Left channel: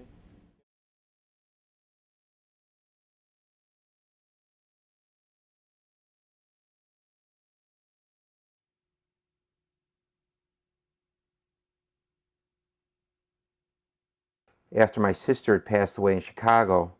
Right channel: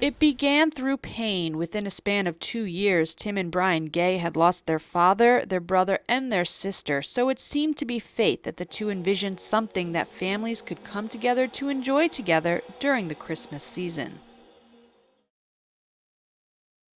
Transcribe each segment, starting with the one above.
It began through pain. Within a span of 2 years, Tim and Brian Gay had lost their father, their brother, and their sister, so it seemed to be fate that the two envisioned something that families could come together to enjoy together during the Christmas season. After my sister had passed away in Chicago,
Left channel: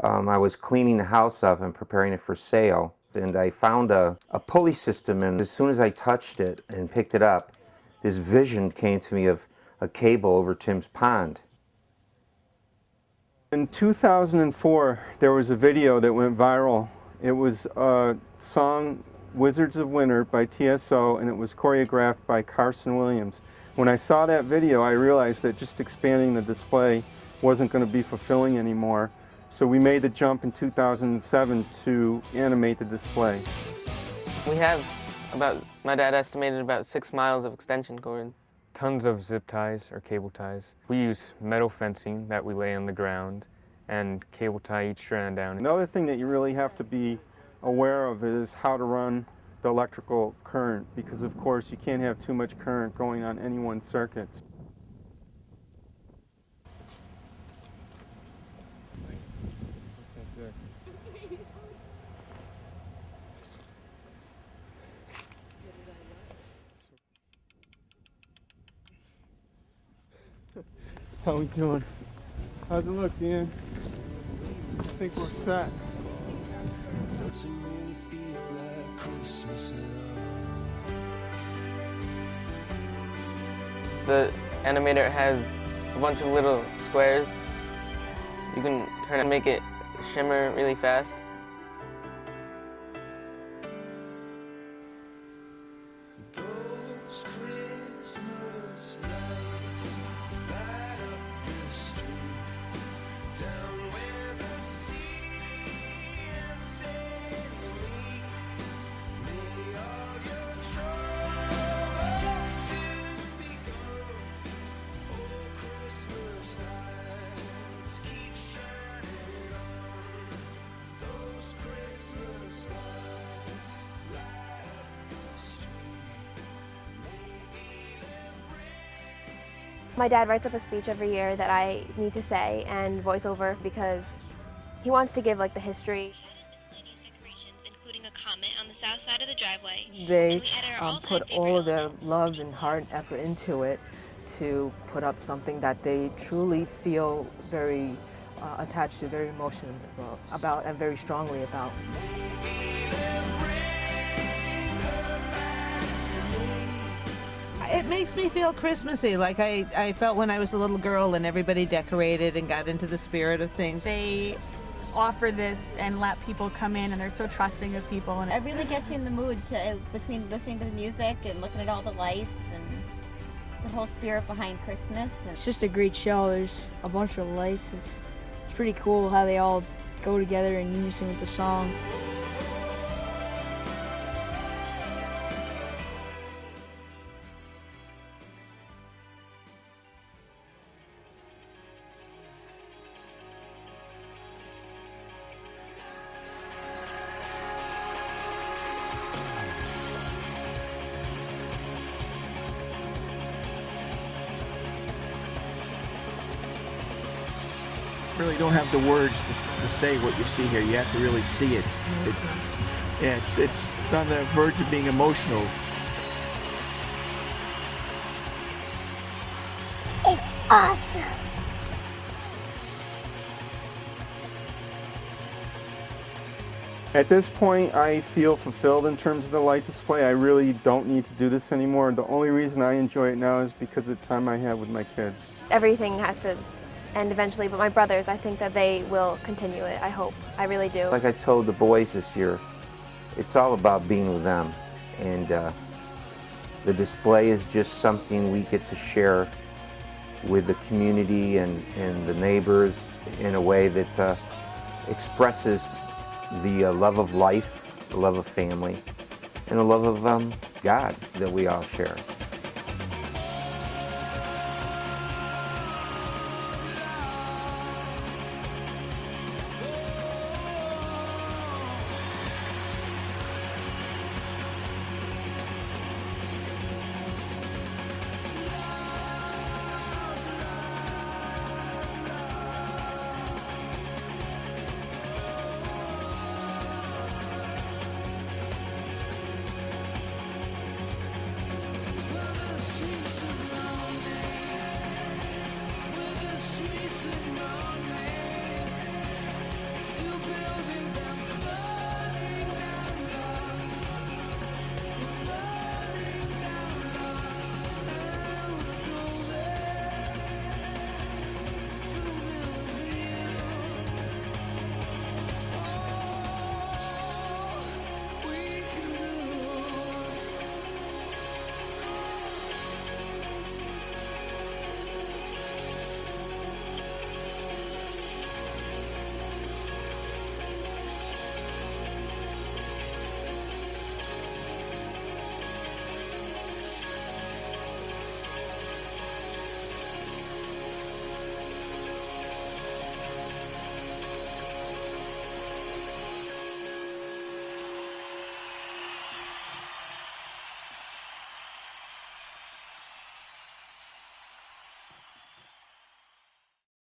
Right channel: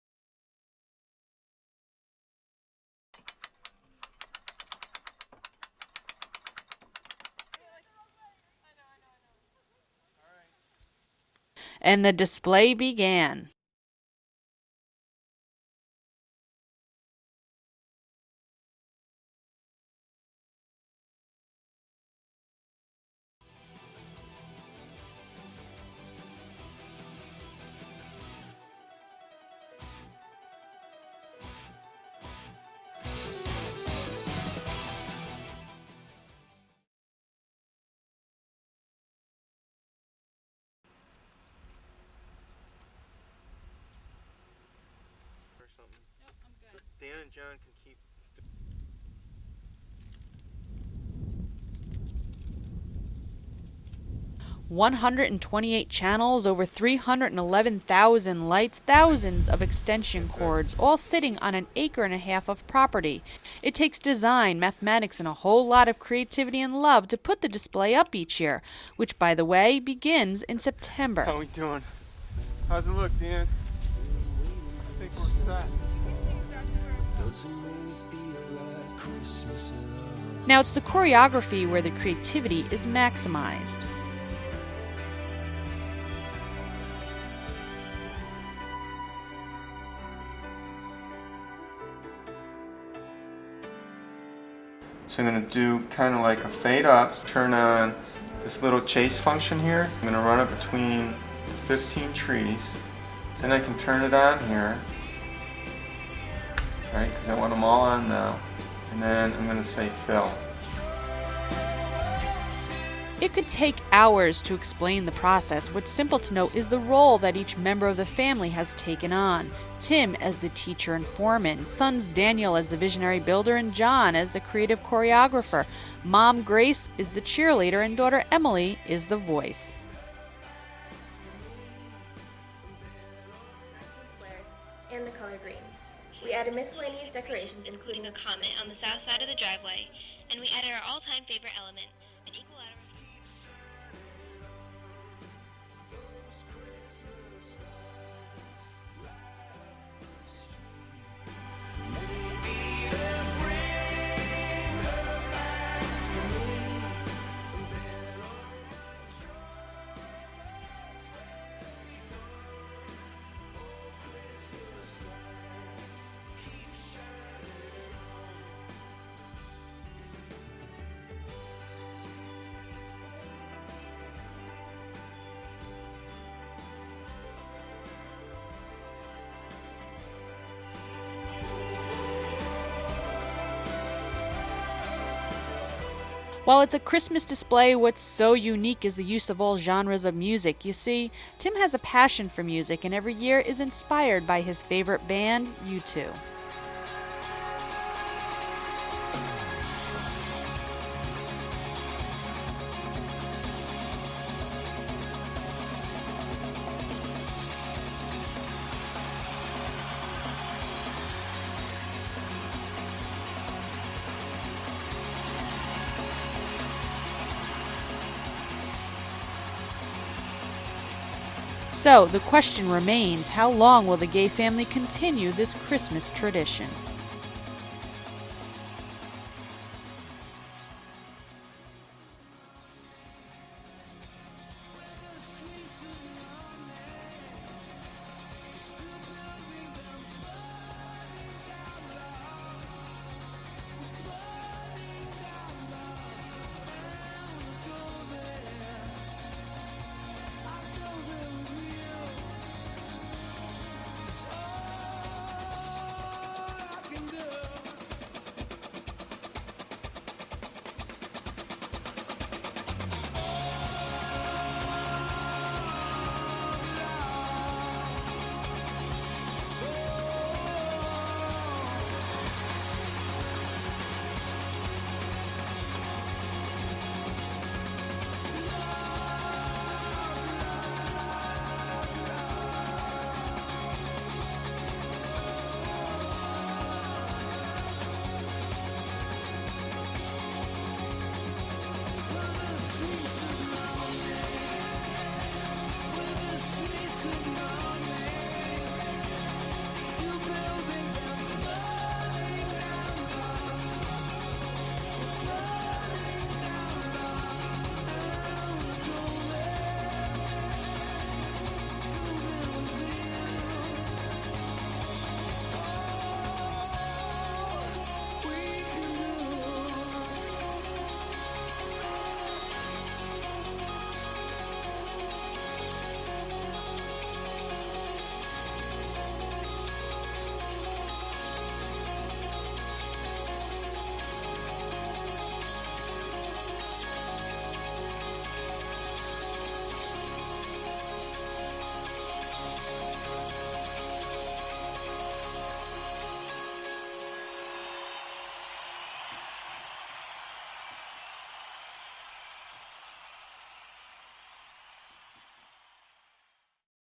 I was cleaning the house up and preparing it for sale, and I found a pulley system, and as soon as I touched it and picked it up, this vision came to me of a cable over Tim's pond. And the display began. In 2004, there was a video that went viral. It was a song, Wizards of Winter by TSO, and it was choreographed by Carson Williams. When I saw that video, I realized that just expanding the display wasn't going to be fulfilling anymore. So we made the jump in 2007 to animate the display. We have my dad estimated about 6 miles of extension cord. Tons of zip ties or cable ties. We use metal fencing that we lay on the ground and cable tie each strand down. Another thing that you really have to be aware of is how to run the electrical current, because of course you can't have too much current going on any one circuit. 128 channels, over 311,000 lights, thousands of extension cords, all sitting on an acre and a half of property. It takes design, mathematics, and a whole lot of creativity and love to put the display up each year, which, by the way, begins in September. How we doing? How's it look, Dan? I think we're set. Now, it's the choreography where the creativity is maximized. The animator has a bunch of little squares. You can turn and make it shimmer really fast. So I'm going to do kind of like a fade up, turn on this little chase function here. I'm going to run it between 15 trees. Then I can turn it on here, right, because I want them all on now. And then I'm going to say fill. It could take hours to explain the process. What's simple to note is the role that each member of the family has taken on. Tim as the teacher and foreman, sons Daniel as the visionary builder, and John as the creative choreographer. Mom Grace is the cheerleader, and daughter Emily is the voice. My dad writes up a speech every year that I need to say and voice over because he wants to give like the history. We added miscellaneous decorations, including a comment on the south side of the driveway. They and we added our all-time put favorite all of their element. love and heart and effort into it to put up something that they truly feel very attached to, very emotional about, and very strongly about. It makes me feel Christmassy, like I felt when I was a little girl and everybody decorated and got into the spirit of things. They offer this and let people come in, and they're so trusting of people. And it really gets you in the mood between listening to the music and looking at all the lights and the whole spirit behind Christmas. It's just a great show. There's a bunch of lights. It's pretty cool how they all go together in unison with the song. While it's a Christmas display, what's so unique is the use of all genres of music. You see, Tim has a passion for music and every year is inspired by his favorite band, U2. You really don't have the words to say what you see here. You have to really see it. It's on the verge of being emotional. It's awesome. So the question remains, how long will the Gay family continue this Christmas tradition? At this point, I feel fulfilled in terms of the light display. I really don't need to do this anymore. The only reason I enjoy it now is because of the time I have with my kids. Everything has to end eventually, but my brothers, I think that they will continue it. I hope. I really do. Like I told the boys this year, it's all about being with them. And the display is just something we get to share with the community and the neighbors in a way that expresses the love of life, the love of family, and the love of God that we all share.